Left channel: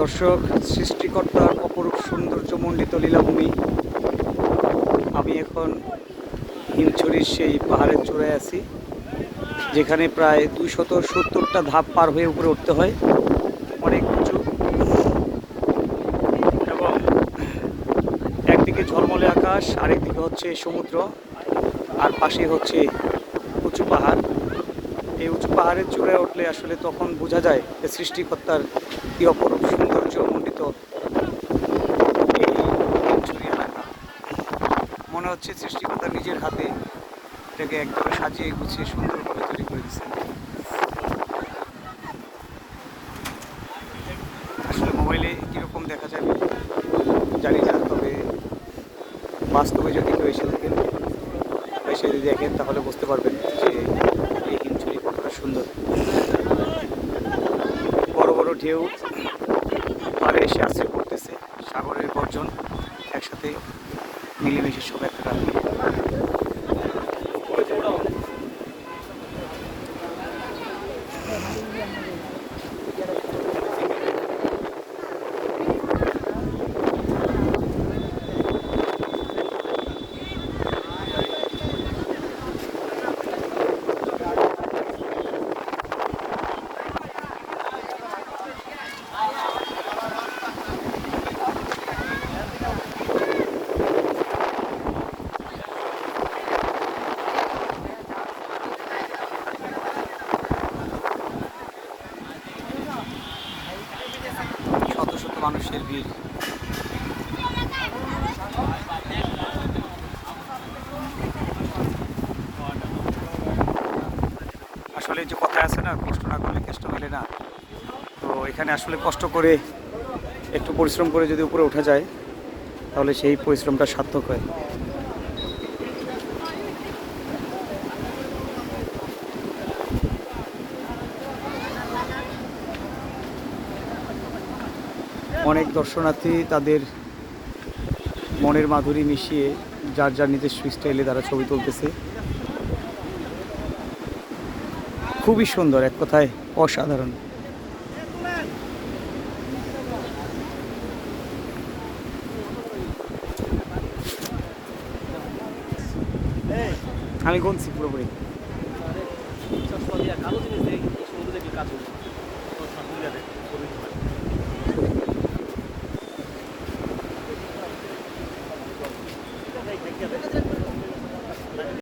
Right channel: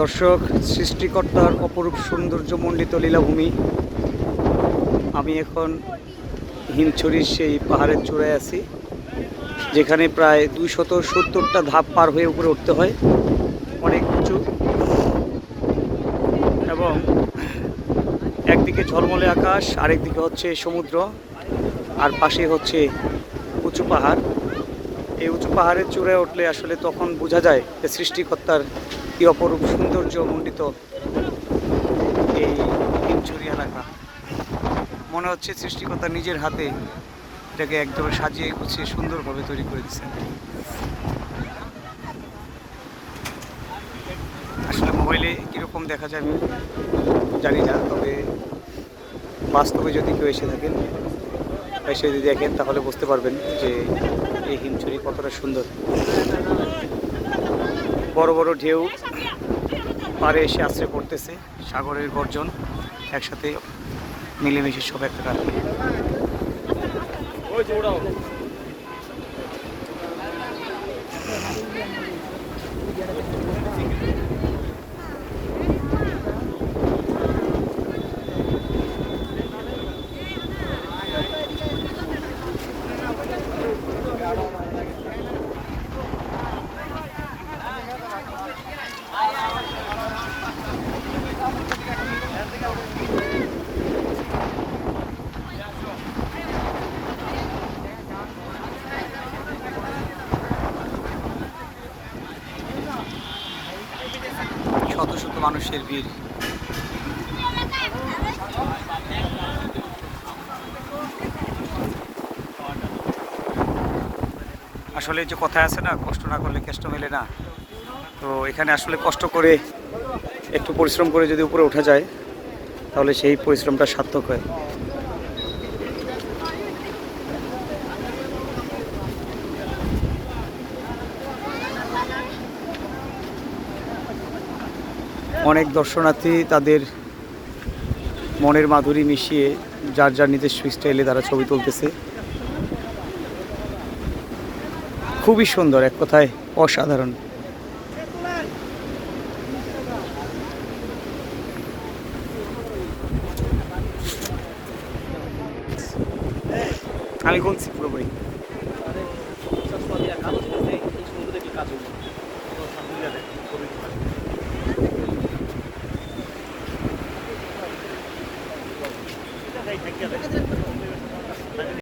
দর্শক, সৃষ্টিকর্তার অপরূপ সৌন্দর্যমণ্ডিত লীলাভূমি। আমি এখন হিমছড়ির সেই পাহাড়ের চূড়ায় আছি, যেখানে প্রায় 270টা ধাপ পার হয়ে উপরে উঠতে হয়। অনেক উঁচু এবং একদিকে ঝলমলে আকাশ, আরেকদিকে হচ্ছে সমুদ্র, আর পাশে হচ্ছে উঁচু পাহাড়। এই উঁচু পাহাড়ের চূড়ায় উঠলে আসলে তখন বোঝা যায় যে সৃষ্টিকর্তার কি অপরূপ সৌন্দর্যমণ্ডিত এই হিমছড়ি এলাকা। মনে হচ্ছে সৃষ্টিকর্তা নিজের হাতে এটাকে একদম সাজিয়ে গুছিয়ে সুন্দরভাবে তৈরি করে দিচ্ছেন। আসলে মোবাইলে কীরকম দেখা যায় আমি জানি না, তবে বাস্তবে যদি কেউ এসে থাকেন বা এসে যদি দেখেন তাহলে বুঝতে পারবেন যে এই হিমছড়ি কতটা সুন্দর। বড় বড় ঢেউ পাড়ে এসে আশ্রয় করতেছে, সাগরের গর্জন একসাথে মিলেমিশে সব একটা। শত শত মানুষের ভিড়। আসলে যে কথা আছে না, কষ্ট না করলে কেষ্ট মেলে না। তো এখানে আসলে কষ্ট করে একটু পরিশ্রম করে যদি উপরে ওঠা যায় তাহলে সেই পরিশ্রমটা সার্থক হয়। অনেক দর্শনার্থী তাদের মনের মাধুরী মিশিয়ে যার যার নিজস্ব স্টাইলে তারা ছবি তুলতেছে। খুবই সুন্দর, এক কথায় অসাধারণ। আমি গুনছি পুরোপুরি।